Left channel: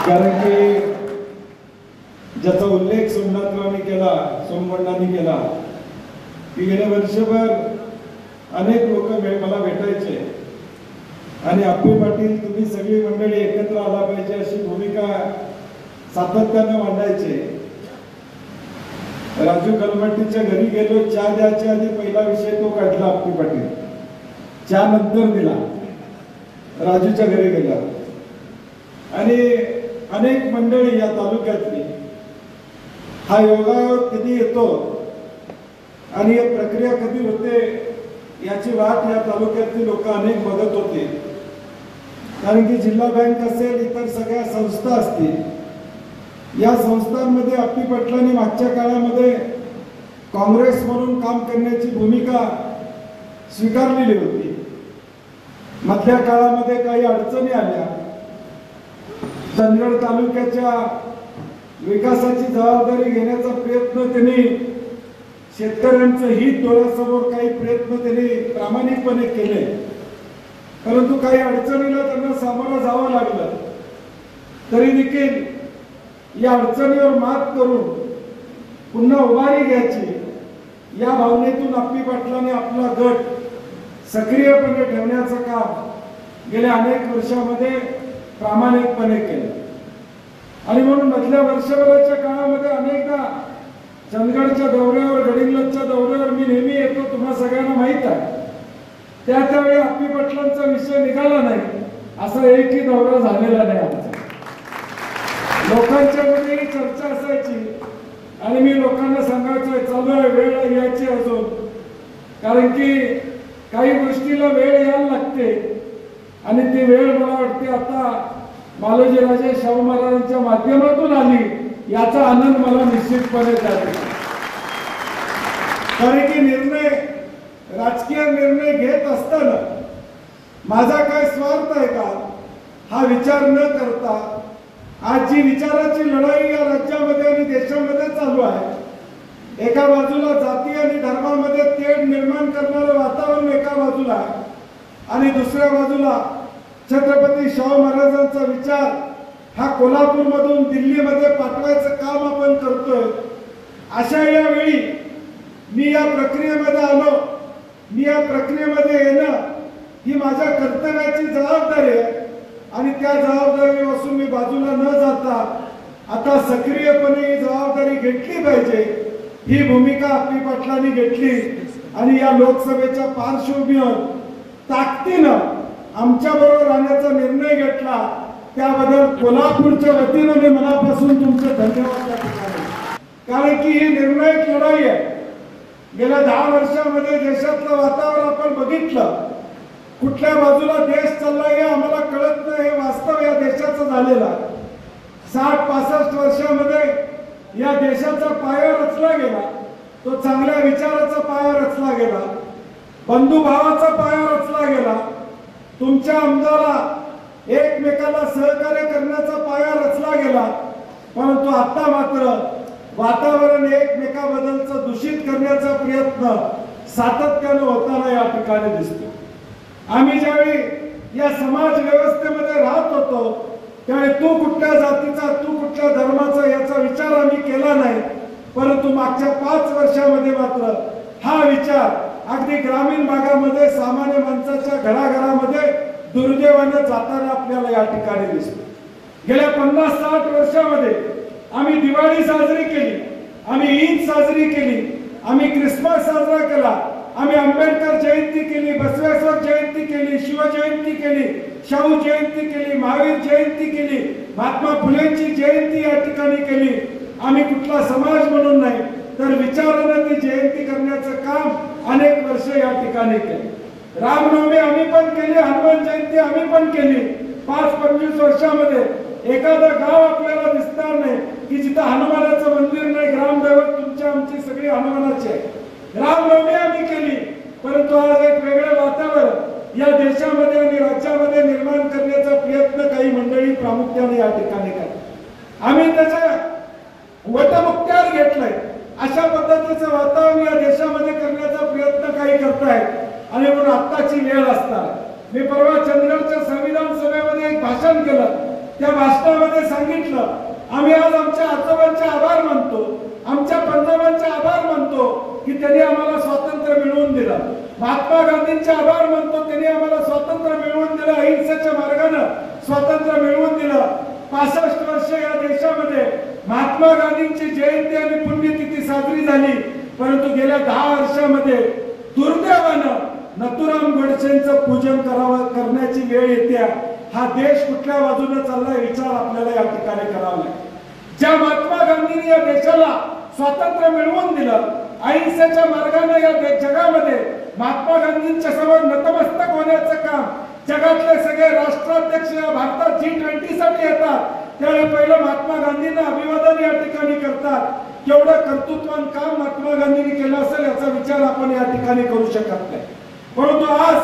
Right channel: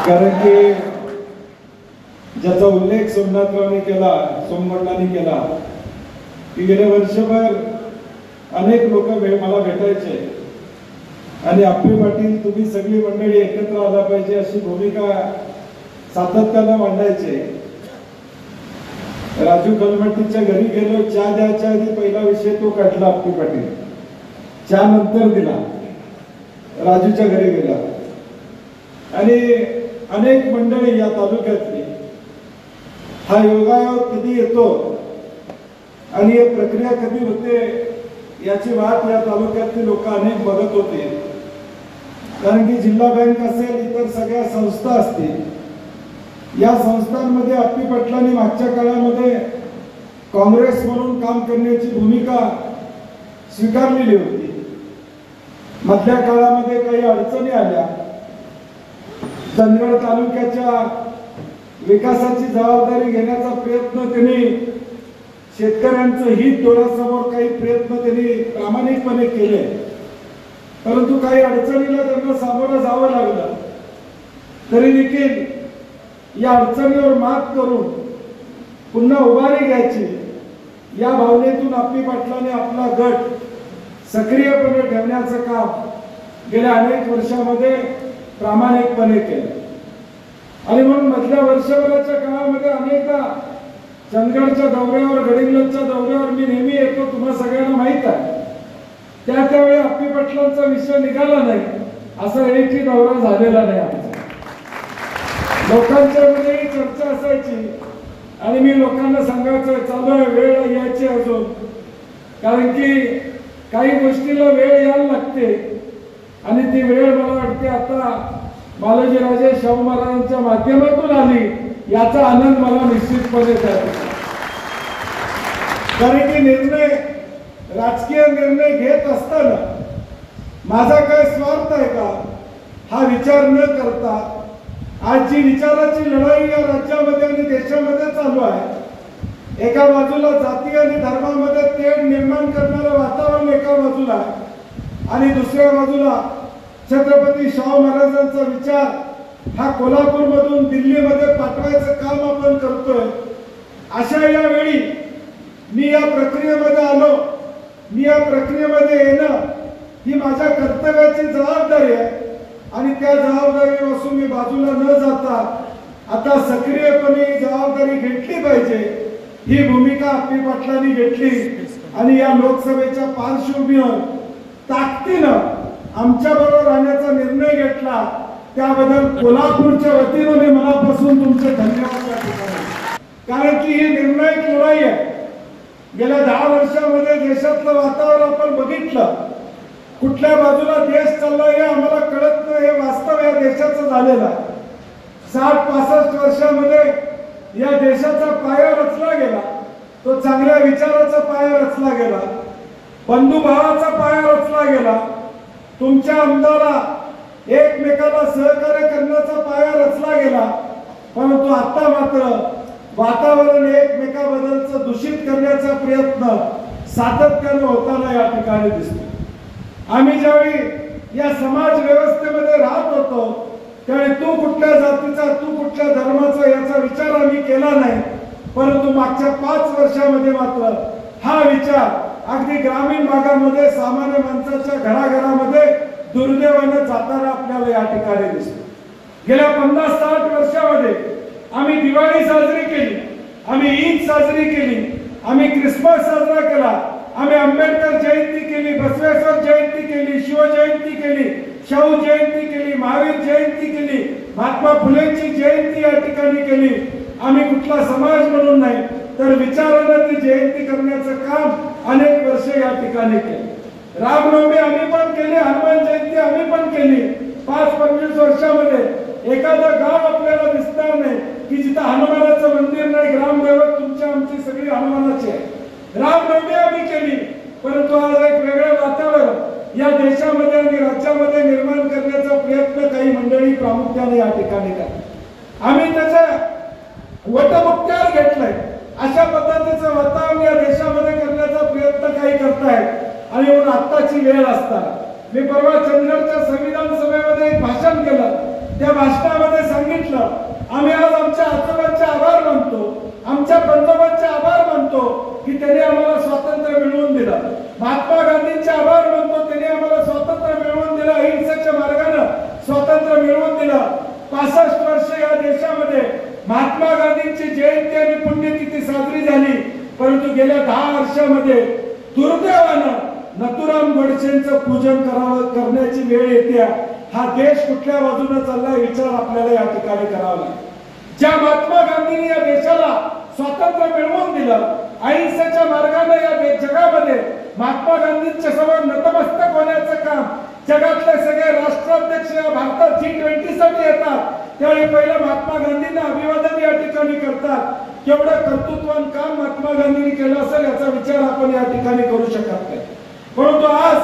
कारण की ज्याचा उल्लेख सोमनाथरावांनी केला, सोमगोंडांनी केला की गेल्या वर्षभर अनेक लोक मला भेटायचे आणि अप्पे पाटील तुम्ही सगळी मंडळी एकत्र आला पाहिजे अशी भूमिका सातत्यानं मांडायचे। राजू कलमट्टीच्या घरी गेलो, चहा द्यायच्या आधी पहिला विषय तो काढला अप्पे पाटील, चहा नंतर दिला, राजूच्या घरी गेला। आणि अनेक मंडळी या तालुक्यातली हा योगायोग कधी येतो आणि ही प्रक्रिया कधी होते याची वाट या तालुक्यातली लोक अनेक बघत होते। कारण की जिल्हा बँक असेल, इतर सगळ्या संस्था असतील, या संस्थांमध्ये अप्पे पाटलांनी मागच्या काळामध्ये काँग्रेस म्हणून काम करण्याची भूमिका स्वीकारलेली होती। मधल्या काळामध्ये काही अडचणी आल्या, चंदगड तालुक्याच्या विकासाची जबाबदारी घेण्याचा प्रयत्न त्यांनी, शेतकऱ्यांचं हित डोळ्यासमोर काही प्रयत्न त्यांनी प्रामाणिकपणे केले, परंतु काही अडचणीला त्यांना सामोरं जावं लागलं। तरी देखील या अडचणीवर मात करून पुन्हा उभारी घ्यायची या भावनेतून अप्पे पाटलांनी आपला गट सक्रियपणे ठेवण्याचं काम गेल्या अनेक वर्षामध्ये प्रामाणिकपणे केलं। आणि म्हणून मधल्या वर्षभराच्या काळामध्ये अनेकदा चंदगडच्या दौऱ्यावर, गडिंग्लजच्या दौऱ्यावर मी नेहमी येतो, तुम्हाला सगळ्यांना माहित आहे। त्यावेळी अप्पे पाटलांचा विषय निघाला नाही, असा एकही दौरा झालेला नाही आमचा। लोकांच्या मध्ये चर्चा असायची आणि मी लोकांना सांगायचो चालू आहे, वेळ यायची अजून, कारण की काही गोष्टीला वेळ यायला लागते आणि ती वेळ मला वाटते आता बालाजीराजे शाहू महाराजांच्या माध्यमातून आली, याचा आनंद मला निश्चितपणे आहे। कारण की निर्णय, राजकीय निर्णय घेत असताना माझा काय स्वार्थ आहे का हा विचार न करता आज जी विचाराची लढाई या राज्यामध्ये आणि देशामध्ये चालू आहे, एका बाजूला जाती आणि धर्मामध्ये तेढ निर्माण करणारं वातावरण एका बाजूला आणि दुसऱ्या बाजूला छत्रपती शाहू महाराजांचा विचार हा कोल्हापूरमधून दिल्लीमध्ये पाठवायचं काम आपण करतोय। अशा या वेळी मी या प्रक्रियेमध्ये आलो, मी या प्रक्रियेमध्ये येणं ही माझ्या कर्तव्याची जबाबदारी आहे आणि त्या जबाबदारीपासून मी बाजूला न जाता आता सक्रियपणे ही जबाबदारी घेतली पाहिजे, ही भूमिका अप्पे पाटलांनी घेतली आणि या लोकसभेच्या पार्श्वभूमीवर ताकदीनं आमच्या बरोबर राहण्याचा निर्णय घेतला, त्याबद्दल कोल्हापूरच्या वतीने मी मनापासून तुमचे धन्यवाद देतो। कारण की ही निर्णायक लढाई आहे। गेल्या 10 वर्षामध्ये देशातलं वातावरण आपण बघितलं, कुठल्या बाजूला देश चाललाय हे आम्हाला कळत नाही, हे वास्तव या देशाचं झालेलं। 60-65 वर्षामध्ये या देशाचा पाया रचला गेला, तो चांगल्या विचाराचा पाया रचला गेला, बंधुभावाचा पाया रचला गेला, तुमच्या आमदाराला एकमेकाला सहकार्य करण्याचा पाया रचला गेला। परंतु आता मात्र वातावरण एकमेकाबद्दलचं दूषित करण्याचा प्रयत्न सातत्यानं होताना या ठिकाणी दिसतो। आम्ही ज्यावेळी या समाज व्यवस्थेमध्ये राहत होतो त्यावेळी तू कुठल्या जातीचा, तू कुठल्या धर्माचा याचा विचार आम्ही केला नाही, परंतु मागच्या 5 वर्षामध्ये मात्र हा विचार अगदी ग्रामीण भागामध्ये सामान्य माणसाच्या घराघरामध्ये दुर्दैवाने जाताना आपल्याला या ठिकाणी दिसतो। गेल्या 50-60 वर्षामध्ये आम्ही दिवाळी साजरी केली, आम्ही ईद साजरी केली, आम्ही ख्रिसमस साजरा केला, आम्ही आंबेडकर जयंती केली, बसवेश्वर जयंती केली, शिवजयंती केली, शाहू जयंती केली, महावीर जयंती केली, महात्मा फुलेंची जयंती या ठिकाणी केली। आम्ही कुठला समाज म्हणून नाही तर विचारानं ती जयंती करण्याचं काम अनेक वर्ष या ठिकाणी केले। रामनवमी आम्ही पण केली, हनुमान जयंती आम्ही पण केली। 5-25 वर्षामध्ये एखादं गाव आपल्याला दिसणार नाही की जिथं हनुमानाचं मंदिर नाही, ग्रामदैवत तुमच्या आमची सगळी हनुमानाची आहे। रामनवमी आम्ही केली, परंतु आज एक वेगळं वातावरण या देशामध्ये आणि राज्यामध्ये निर्माण करण्याचा प्रयत्न काही मंडळी प्रामुख्याने या ठिकाणी करतात। आम्ही त्याच्या वटमुक्त्यावर घेतलाय, अशा पद्धतीचं वातावरण या देशामध्ये करण्याचा प्रयत्न काही करतायत आणि म्हणून आत्ताची वेळ असता मी परवा चंदगडच्या संविधान सभेमध्ये एक भाषण केलं त्या भाषणामध्ये सांगितलं, आम्ही आज आमच्या आजोबांचे आभार मानतो, आमच्या पंजोबांचे आभार मानतो की त्यांनी आम्हाला स्वातंत्र्य मिळवून दिलं. महात्मा गांधींचे आभार मानतो, त्यांनी आम्हाला स्वातंत्र्य मिळवून दिलं, अहिंसेच्या मार्गाने स्वातंत्र्य मिळवून दिलं. 65 वर्ष या देशामध्ये महात्मा गांधींची जयंती आणि पुण्यतिथी साजरी झाली, परंतु गेल्या 10 वर्षामध्ये दुर्दैवानं नथुराम गोडसेंचं पूजन करण्याची वेळ येते. हा देश कुठल्या बाजूने चाललाय विचार आपल्याला या ठिकाणी करावा लागेल. ज्या महात्मा गांधींनी या देशाला स्वातंत्र्य मिळवून दिलं, अहिंसेच्या मार्गाने या जगामध्ये महात्मा गांधींच्या समोर नतमस्तक होण्याचं काम जगातले सगळे राष्ट्राध्यक्ष या भारतात G20 साठी येतात, त्यावेळी पहिलं महात्मा गांधींना अभिवादन या ठिकाणी करतात. केवढं कर्तृत्ववान काम महात्मा गांधींनी केलं असेल याचा विचार आपण या ठिकाणी करू शकत नाही. परंतु आज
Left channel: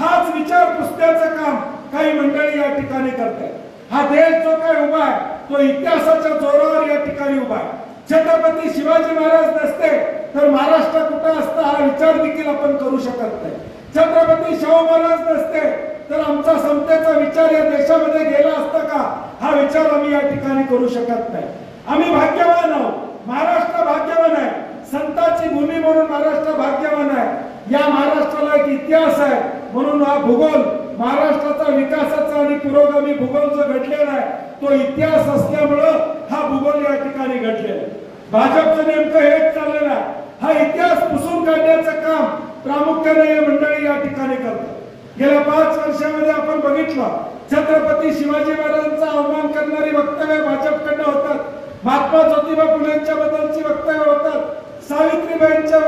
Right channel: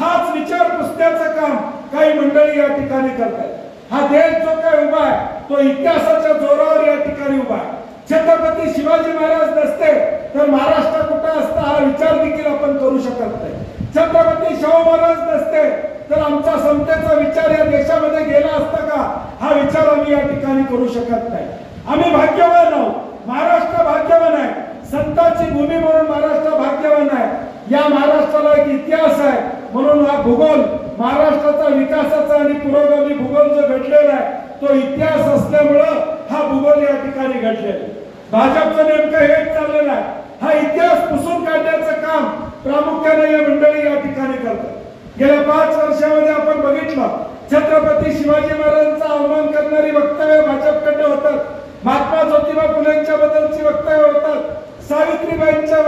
हाच विचार पुसण्याचं काम काही मंडळी या ठिकाणी करतात. हा देश जो काही उभा आहे तो इतिहासाच्या जोरावर या ठिकाणी उभा आहे. छत्रपती शिवाजी महाराज नसते तर महाराष्ट्र कुठे असता हा विचार देखील आपण करू शकत नाही. छत्रपती शाहू महाराज नसते तर आमचा समतेचा विचार या देशामध्ये गेला असता का हा विचार आम्ही या ठिकाणी करू शकत नाही. आम्ही भाग्यवान आहोत, महाराष्ट्र भाग्यवान आहे, संतांची भूमी म्हणून महाराष्ट्र भाग्यवान आहे. या महाराष्ट्राला एक इतिहास आहे, म्हणून हा भूगोल महाराष्ट्राचा विकासाचा आणि पुरोगामी भूगोल जो घडलेला आहे तो इतिहास असल्यामुळं हा भूगोल या ठिकाणी घडलेला आहे. भाजपचं नेमकं हेच चाललेलं आहे. हा इतिहास पुसून काढण्याचं काम प्रामुख्याने या मंडळी या ठिकाणी करतात. गेल्या 5 वर्षामध्ये आपण बघितलं, छत्रपती शिवाजी महाराजांचा अवमान करणारी वक्तव्य भाजपकडे होतात, महात्मा ज्योतिबा फुलेंच्या बद्दलची वक्तव्य होतात, सावित्रीबाईंच्या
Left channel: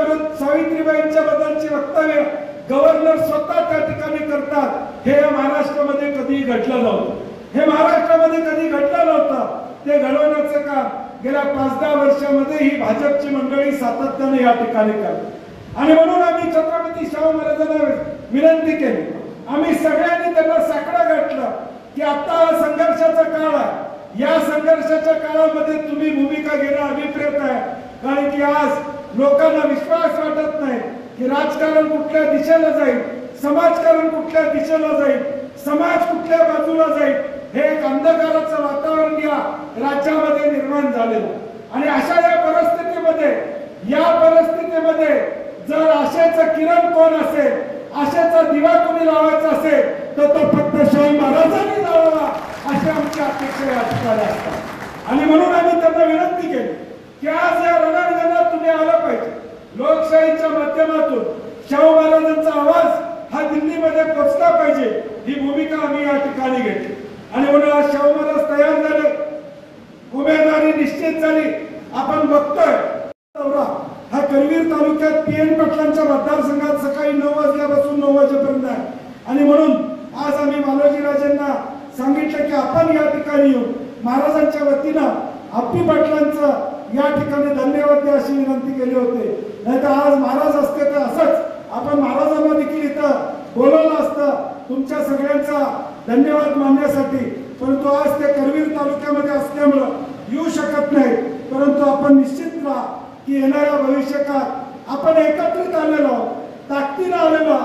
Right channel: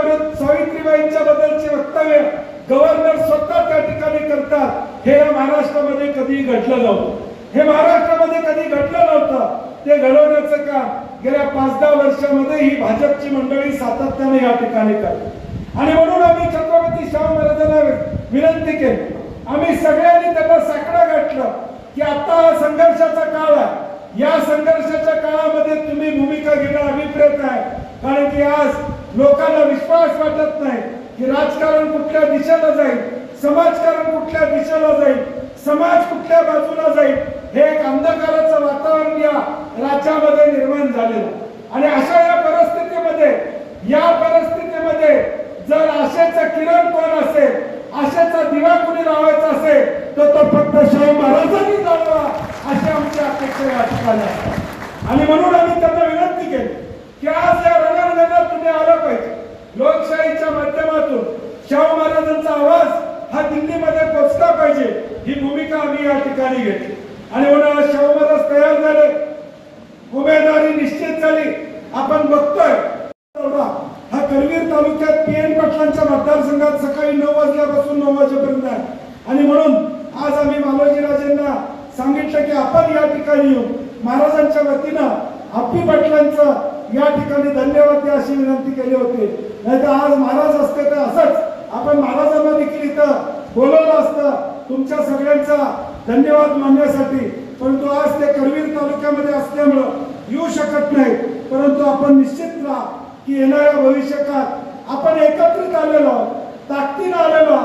बद्दलची वक्तव्य गव्हर्नर स्वतः त्या ठिकाणी करतात. हे या महाराष्ट्रामध्ये कधी घडलं नव्हतं. हे महाराष्ट्रामध्ये कधी घडलं नव्हतं. ते घडवण्याचं काम गेल्या 5-10 वर्षामध्ये ही भाजपची मंडळी सातत्याने या ठिकाणी करतात. आणि म्हणून आम्ही छत्रपती शाहू महाराजांना विनंती केली, आम्ही सगळ्यांनी त्यांना साकडं घातलं की आता संघर्षाचा काळ आहे. या संघर्षाच्या काळामध्ये तुम्ही भूमिका घेणं अभिप्रेत आहे. कारण की आज लोकांना विश्वास वाटत नाही की राजकारण कुठल्या दिशेला जाईल, समाजकारण कुठल्या दिशेला जाईल, समाज कुठल्या बाजूला जाईल. हे एक अंधकाराचं वातावरण या राज्यामध्ये निर्माण झालेलं. आणि अशा या परिस्थितीमध्ये जर आशेचा किरण कोण असेल, आशेचा दिवा कोणी लावायचा असेल तर तो फक्त शाहू महाराजांनी लावावा अशी आमची अपेक्षा या ठिकाणी आहे. आणि म्हणून आम्ही त्यांना विनंती केली की आज या रणांगणात तुम्ही आलं पाहिजे. लोकशाहीच्या माध्यमातून शाहू महाराजांचा आवाज हा दिल्लीमध्ये पोहोचला पाहिजे, ही भूमिका आम्ही या ठिकाणी घेतली. आणि म्हणून आज शाहू महाराज तयार झाले, उमेदवारी निश्चित झाली. आपण बघतोय हा करवीर तालुक्यात PN पाटलांच्या मतदारसंघात सकाळी 9 वाजल्यापासून 9 वाजेपर्यंत आहे. आणि म्हणून आज आम्ही बालाजीराजेंना सांगितलं की आपण या ठिकाणी येऊ. महाराजांच्या वतीनं अप्पी पाटलांचं या ठिकाणी धन्यवाद द्या अशी विनंती केली होती. नाहीतर आज महाराज असते तर असंच आपण महाराजांना देखील इथं बोलवलं असतं तुमच्या सगळ्यांचा धन्यवाद मानण्यासाठी. परंतु आज ते करवीर तालुक्यामध्ये असल्यामुळं येऊ शकत नाही. परंतु आपण निश्चित राहा की येणाऱ्या भविष्यकाळात आपण एकत्रित आलेलो, ताकदीनं आलेलो.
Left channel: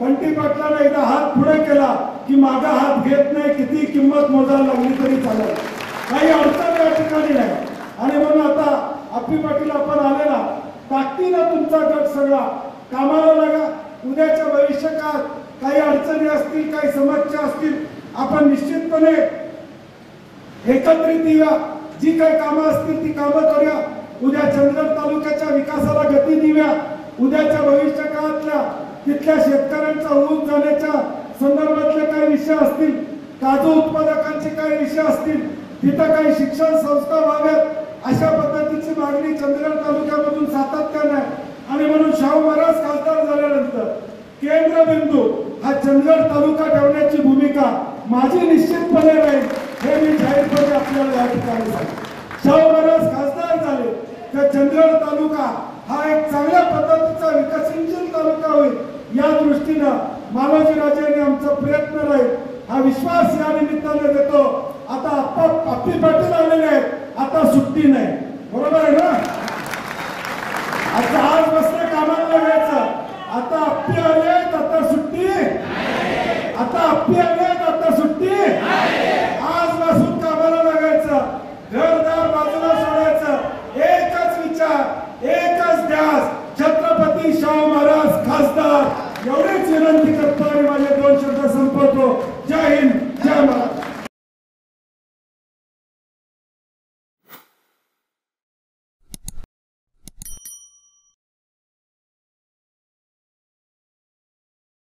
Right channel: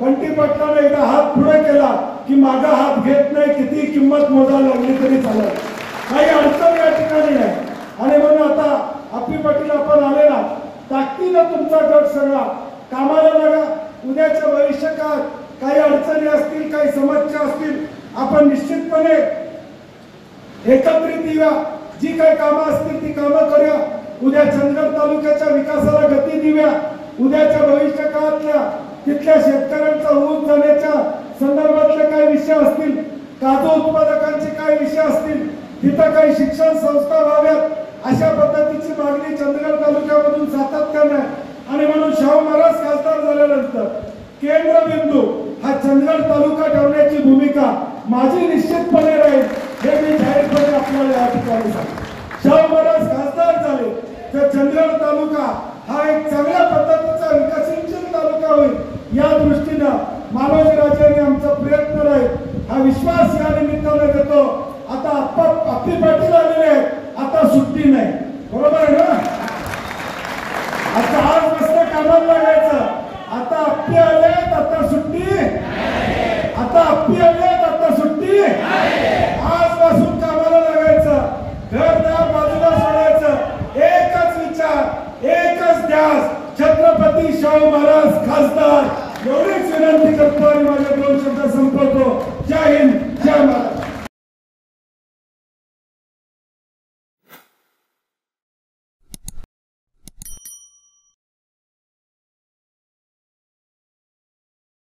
बंटी पाटलाने एकदा हात पुढे केला की मागा हात घेत नाही, किती किंमत मोजायला लागली तरी चालेल, काही अडचण या ठिकाणी आहे. आणि म्हणून आता अप्पी पाटील आपण आलेला, ताकदीनं तुमचा गट सगळा कामाला लागा. उद्याच्या भविष्यकाळात काही अडचणी असतील, काही समस्या असतील, आपण निश्चितपणे एकत्रित येऊया. जी काही कामं असतील ती कामं करूया. उद्या चंदगड तालुक्याच्या विकासाला गती देऊया. उद्याच्या भविष्य काळातल्या तिथल्या शेतकऱ्यांचा ऊस जाण्याच्या संदर्भातले काही विषय असतील, काजू उत्पादकांचे काही विषय असतील, तिथं काही शिक्षण संस्था व्हाव्यात, अशा पद्धतीची मागणी चंदगड तालुक्यामधून सातत्याने आहे. आणि म्हणून शाहू महाराज खासदार झाल्यानंतर केंद्रबिंदू हा चंदगड तालुका ठेवण्याची भूमिका माझी निश्चितपणे राहील, हे मी जाहीरपणे आपल्याला या ठिकाणी सांगतो. शाहू महाराज खासदार झाले तर चंदगड तालुका हा एक चांगल्या पद्धतीचा विकसनशील तालुका होईल. या दृष्टीनं बालाजीराजेंनी आमचा प्रयत्न राहील, हा विश्वास या निमित्ताने देतो. आता अप्पी पाटील आलेले आहेत, आता सुट्टी नाही, बरोबर आहे ना. आता आज बसलं कामाला लागायचं. आता अप्पी आलेत, आता सुट्टी. आता अप्पी आलेत, आता सुट्टी. आजपासून जय